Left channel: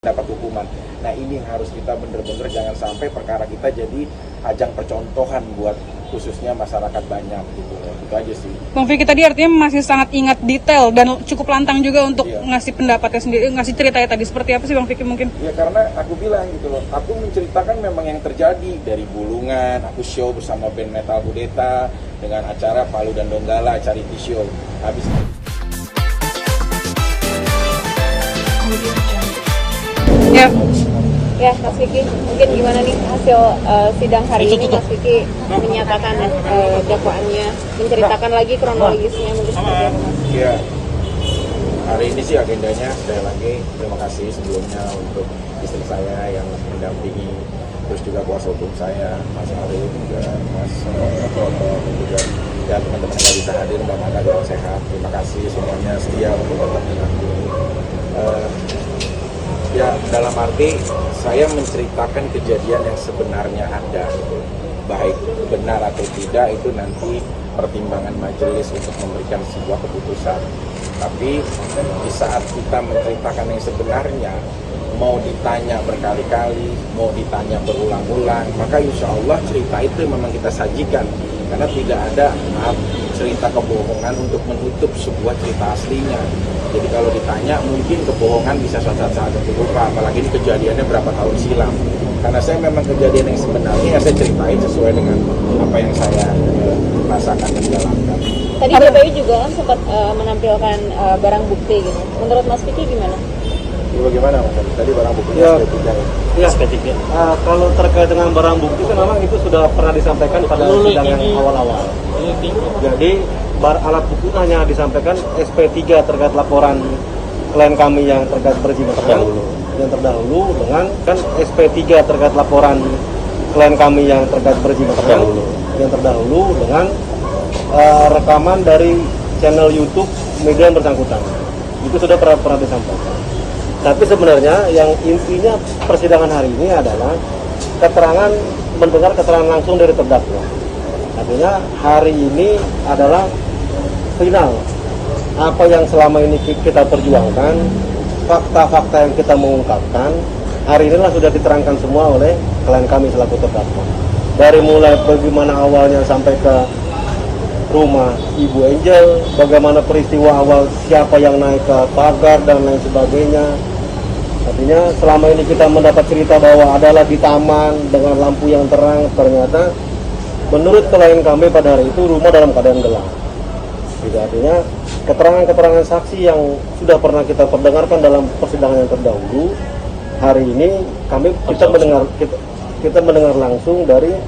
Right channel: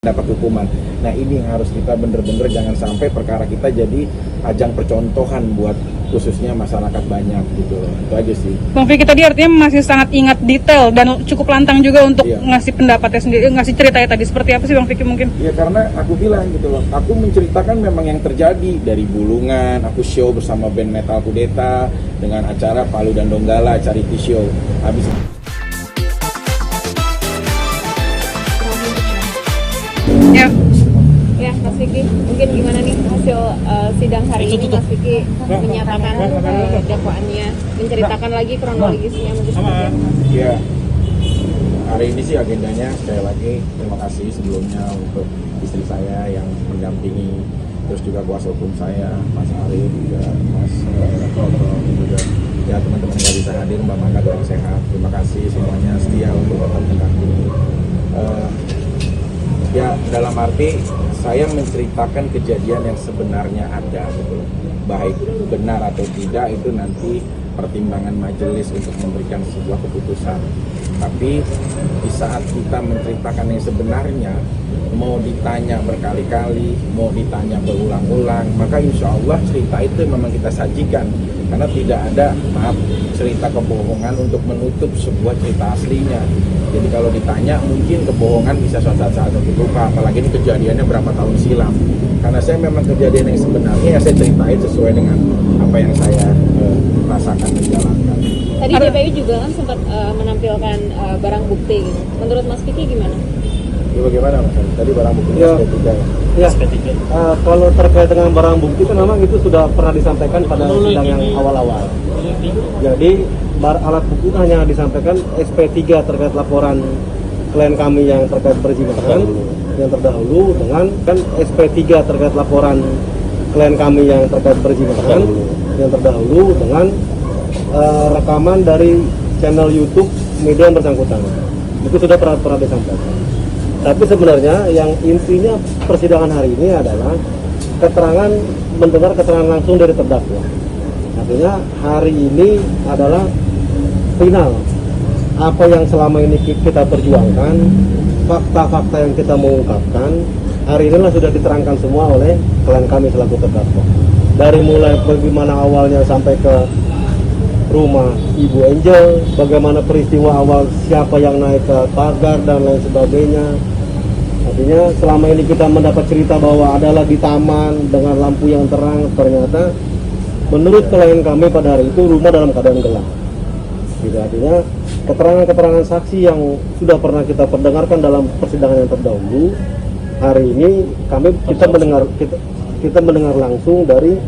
dapat hukuman. Nah ini yang harus kita bener-bener jangan sampai perkara kita jadi ajang percontohan buat khususnya masyarakat banyak gitu loh. Itu aja sih. Bang Vicky tadi artinya masih sangat ingat detail dan cukup lantang juga untuk ngasih pendapatnya sendiri, ngasih ceritanya tadi. Seperti apa sih Bang Vicky mungkin? Ya karena aku bilang gitu loh, aku menceritakan memang yang terjadi dari Bulungan, aku show bersama band Metal Kudeta dengan acara Palu dan Donggala, charity show. Habis Ya, Mas Vicky, mungkin gimana nih hasil sidang hari ini? Mas Vicky menyatakan dakwaannya, menceritakan lagi kronologisnya. ya hari ini sih agendanya sekali lagi terima kasih sebelumnya untuk istri saya yang mendampingi, terus juga kuasa hukum saya Mas Arif juga Mas Toto dan juga ya teman-teman yang nggak bisa hadir, Mbak Manda doa sehat, terima kasih semuanya setia untuk datang ke sini. Ya dalam arti saya menceritakan kejadian yang sebenarnya ada gitu, baik benar atau tidak itu nanti pertimbangan majelis untuk memberikan sebuah keputusan. Tapi di saat kita menceritakan yang sebenarnya, mau ditanya berkali-kali, mau ditanya berulang-ulang, maka insya Allah cerita itu memang kita sajikan. Karena tidak ada cerita kebohongan untuk menutup sebuah cerita aslinya. Jadi kalau ditanya mungkin kebohongan bisa saat-saat dibuka, apalagi ini kejadiannya berapa tahun silam. Karena saya memang kejadian yang sebenarnya ya saya ceritain sesuai dengan apa yang saya rasakan dan jalankan. Tadi KPU juga kan sempat menampilkan barang bukti gitu. Menurut Mas Vicky gimana? Ya, bagaimana Mas? Tadi barang buktinya SP3. Kalau terkait dengan barang bukti kan memang itu sudah pernah disampaikan pada sidang yang awal-awal. Jadi alat bukti itu hanya disampaikan SP3 terkait laporan klien kami yang terkait berzina yang terdahulu dengan kan SP3 terkait laporan klien kami yang terkait berzina yang terdahulu dengan rekaman dari channel YouTube media yang bersangkutan. Itu sudah pernah disampaikan. Tapi sebenarnya yang intinya persidangan hari ini adalah mendengar keterangan langsung dari terdakwa. Artinya hari ini adalah final. Apa yang selama ini kita perjuangkan, fakta-fakta yang kita mengungkapkan, hari inilah sudah diterangkan semua oleh klien kami selaku terdakwa. Dari mulai bagaimana awalnya sampai ke rumah Ibu Angel, bagaimana peristiwa awal siapa yang naik ke pagar dan lain sebagainya. Artinya selama ini kita mendapat cerita bahwa adalah di taman dengan lampu yang terang, ternyata menurut klien kami pada hari itu rumah dalam keadaan gelap. Jadi artinya keterangan-keterangan saksi yang sudah pernah kita perdengarkan dalam persidangan yang terdahulu, hari ini kita mendengar langsung dari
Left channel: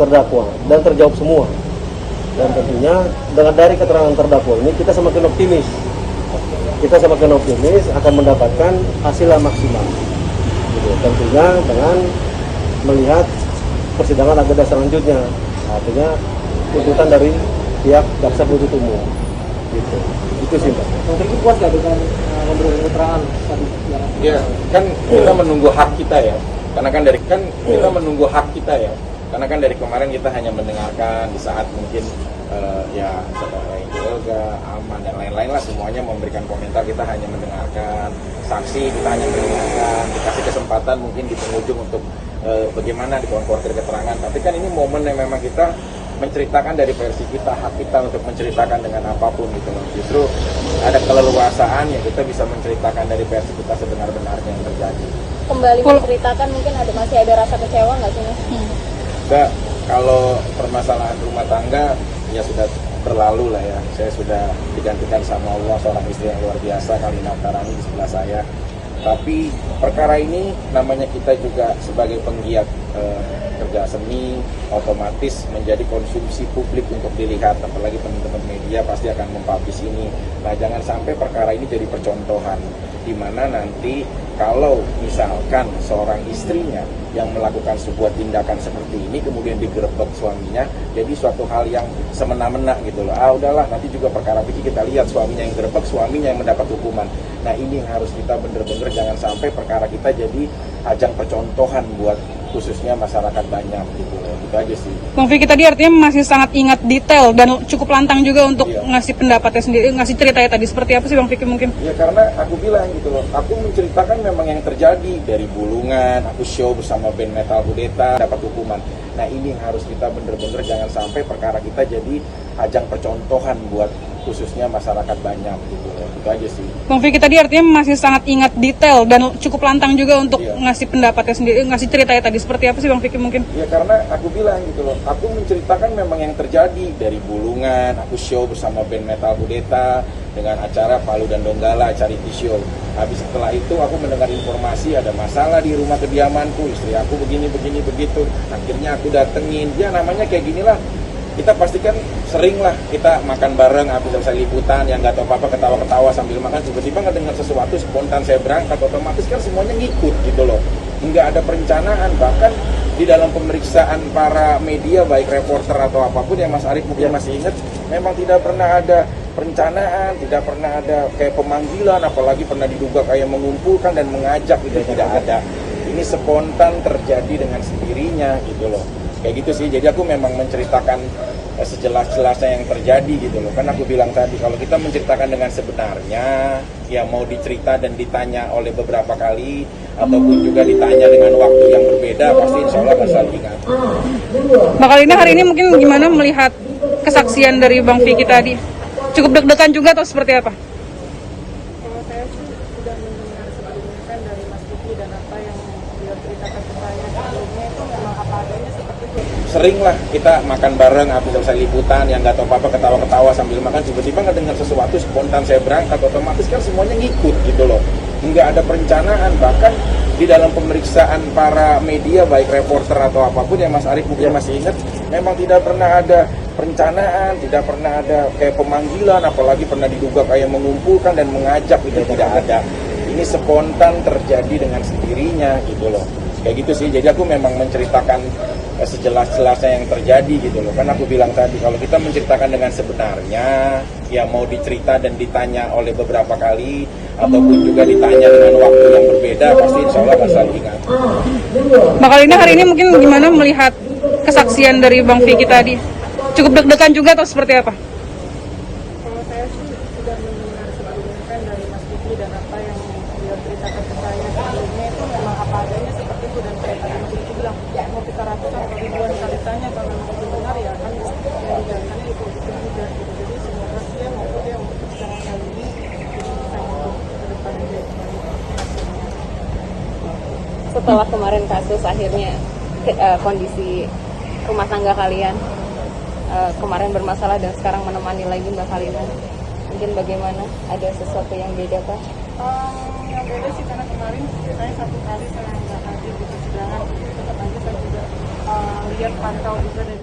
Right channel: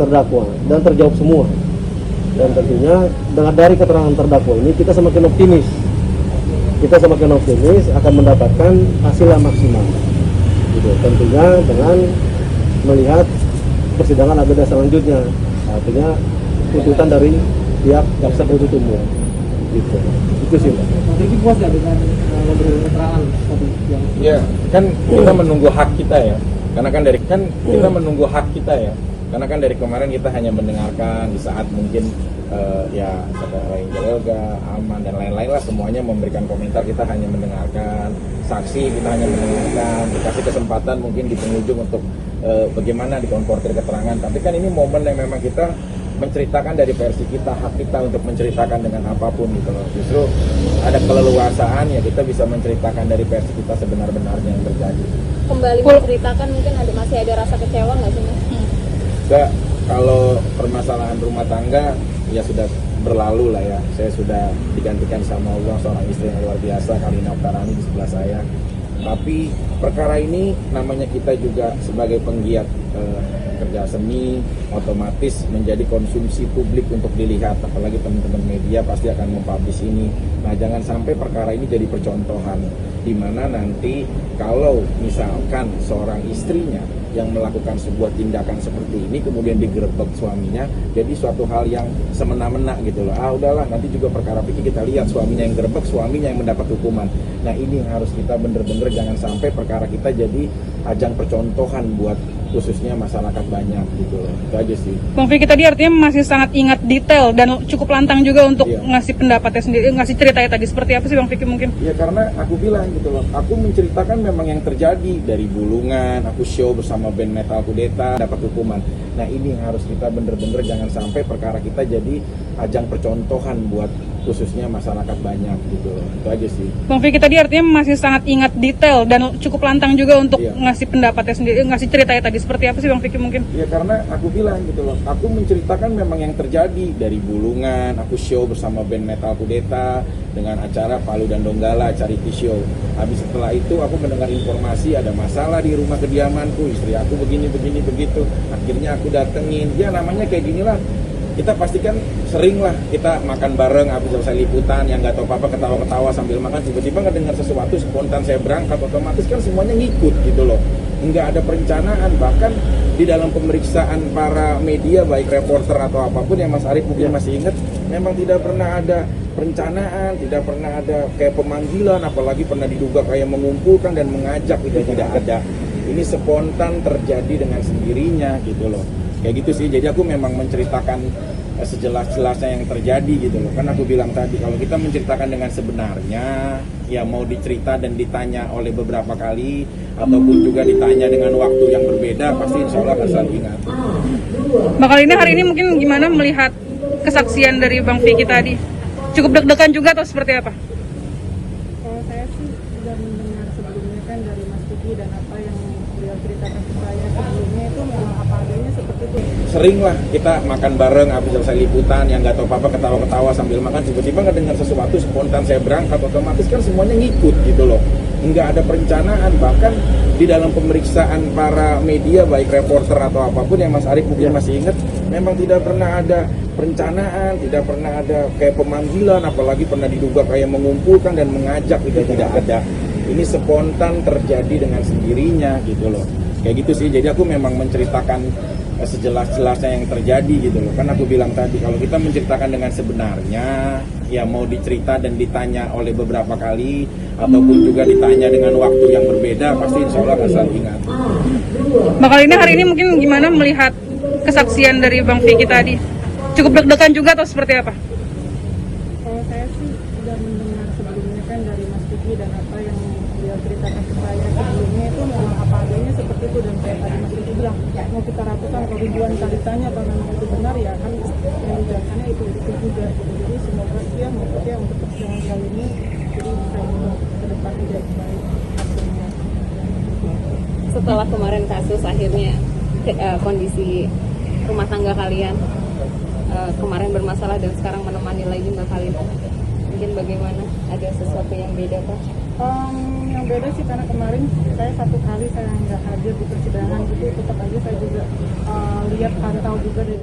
terdakwa dan terjawab semua. Dan tentunya dari keterangan terdakwa ini kita semakin optimis. Kita semakin optimis akan mendapatkan hasil yang maksimal. Gitu. Tentunya dengan melihat persidangan agenda selanjutnya, artinya tuntutan dari pihak jaksa penuntut umum. Gitu. Itu sih Pak. Jadi puas nggak dengan memberi keterangan tadi? Ya kan kita menunggu hak kita ya. Karena kan kita menunggu hak kita ya. Karena kan dari kemarin kita hanya mendengarkan di saat mungkin Yoga, Aman dan lain-lain lah semuanya memberikan komentar, kita hanya mendengarkan, saksi kita hanya mendengarkan, dikasih kesempatan mungkin di penghujung untuk bagaimana dikonfrontir keterangan. Tapi kan ini momen yang memang kita menceritakan dari versi kita, hak kita untuk menceritakan dengan apapun gitu. Justru ada keleluasaan ya kita bisa menceritakan dari versi kita sebenar-benarnya yang terjadi. Kembali menceritakan mungkin masih ada rasa kecewa nggak sih Mas? Enggak, kalau permasalahan rumah tangga ya sudah berlalu lah ya. Saya sudah digantikan sama Allah seorang istri yang luar biasa, Kalina Karani di sebelah saya. Tapi perkara ini namanya kita juga sebagai penggiat kerja seni otomatis menjadi konsumsi publik untuk dilihat, apalagi teman-teman media pasti akan mempublish ini. Nah jangan sampai perkara ini jadi percontohan di mana nanti kalau misalkan seorang istrinya yang melakukan sebuah tindakan seperti ini kemudian digerebek suaminya, jadi suatu hal yang semena-mena gitu loh. Udahlah nanti juga perkara itu kita lihat suaminya yang gerebek, suaminya yang mendapat hukuman. Nah ini yang harus kita bener-bener jangan sampai perkara kita jadi ajang percontohan buat khususnya masyarakat banyak gitu loh. Itu aja sih. Bang Vicky tadi artinya masih sangat ingat detail dan cukup lantang juga untuk Iya. ngasih pendapatnya sendiri, ngasih ceritanya tadi seperti apa sih Bang Vicky mungkin? Ya karena aku bilang gitu loh, aku menceritakan memang yang terjadi dari Bulungan, aku show bersama band Metal Kudeta, dapat hukuman. Nah ini yang harus kita bener-bener jangan sampai perkara kita jadi ajang percontohan buat khususnya masyarakat banyak gitu loh. Itu aja sih. Bang Vicky tadi artinya masih sangat ingat detail dan cukup lantang juga untuk Iya. ngasih pendapatnya sendiri, ngasih ceritanya tadi seperti apa sih Bang Vicky mungkin? Ya karena aku bilang gitu loh, aku menceritakan memang yang terjadi dari Bulungan, aku show bersama band Metal Kudeta dengan acara Palu dan Donggala, charity show. Habis setelah itu aku mendengar informasi ada masalah di rumah kediamanku, istri aku begini begitu. Akhirnya aku datengin, ya namanya kayak gini lah. Kita pastikan sering lah kita makan bareng habis selesai liputan yang nggak tahu apa-apa ketawa-ketawa sambil makan tiba-tiba ngedengar sesuatu spontan saya berangkat otomatis kan semuanya ngikut gitu loh, nggak ada perencanaan. Bahkan di dalam pemeriksaan para media baik reporter atau apapun yang Mas Arief mungkin masih ingat, memang tidak pernah ada perencanaan, tidak pernah ada kayak pemanggilan, apalagi pernah diduga kayak mengumpulkan dan mengajak, itu tidak ada. Ini spontan terjadi dengan sendirinya gitu loh. Kayak gitu sih, jadi aku memang menceritakan sejelas-jelasnya yang terjadi gitu loh. Kan aku bilang tadi, kalau kita menceritakan dengan sebenarnya, ya mau dicerita dan ditanya oleh beberapa kali, ataupun juga ditanya dengan waktu yang berbeda, pasti insya Allah nggak selalu ingat. Mbak Kalina hari ini mungkin gimana melihat kesaksian dari Bang Vicky tadi? Cukup deg-degan juga atau seperti apa? Kalau saya sih sudah mendengar sebelumnya kan dari Mas Vicky dan apa yang beliau ceritakan ke saya sebelumnya itu memang apa adanya seperti itu. Sering lah kita makan bareng habis selesai liputan yang nggak tahu apa-apa ketawa-ketawa sambil makan tiba-tiba ngedengar sesuatu spontan saya berangkat otomatis kan semuanya ngikut gitu loh, nggak ada perencanaan. Bahkan di dalam pemeriksaan para media baik reporter atau apapun yang Mas Arief mungkin masih ingat, memang tidak pernah ada perencanaan, tidak pernah ada kayak pemanggilan, apalagi pernah diduga kayak mengumpulkan dan mengajak, itu tidak ada. Ini spontan terjadi dengan sendirinya gitu loh. Kayak gitu sih, jadi aku memang menceritakan sejelas-jelasnya yang terjadi gitu loh. Kan aku bilang tadi, kalau kita menceritakan dengan sebenarnya, ya mau dicerita dan ditanya oleh beberapa kali, ataupun juga ditanya dengan waktu yang berbeda, pasti insya Allah nggak selalu ingat. Mbak Kalina hari ini mungkin gimana melihat kesaksian dari Bang Vicky tadi? Cukup deg-degan juga atau seperti apa? Kalau saya sih sudah mendengar sebelumnya kan dari Mas Vicky dan apa yang beliau ceritakan ke saya sebelumnya itu memang apa adanya seperti itu. Dan saya tadi Mas Vicky bilang mau kita ratusan atau ribuan kali tanya kalau itu benar ya kan yang biasanya itu juga gitu. Jadi semoga sih ya maksudnya untuk persidangan kali ini jadi bisa ke depan juga dari hasilnya. Setelah kemarin kasus akhirnya kondisi rumah tangga kalian kemarin bermasalah dan sekarang menemani lagi Mbak Kalina, mungkin bagaimana? Ada sesuatu yang beda Pak? Yang beda sih karena kemarin saya satu kali saya nggak hadir di persidangan itu tetap aja saya juga lihat pantau juga dari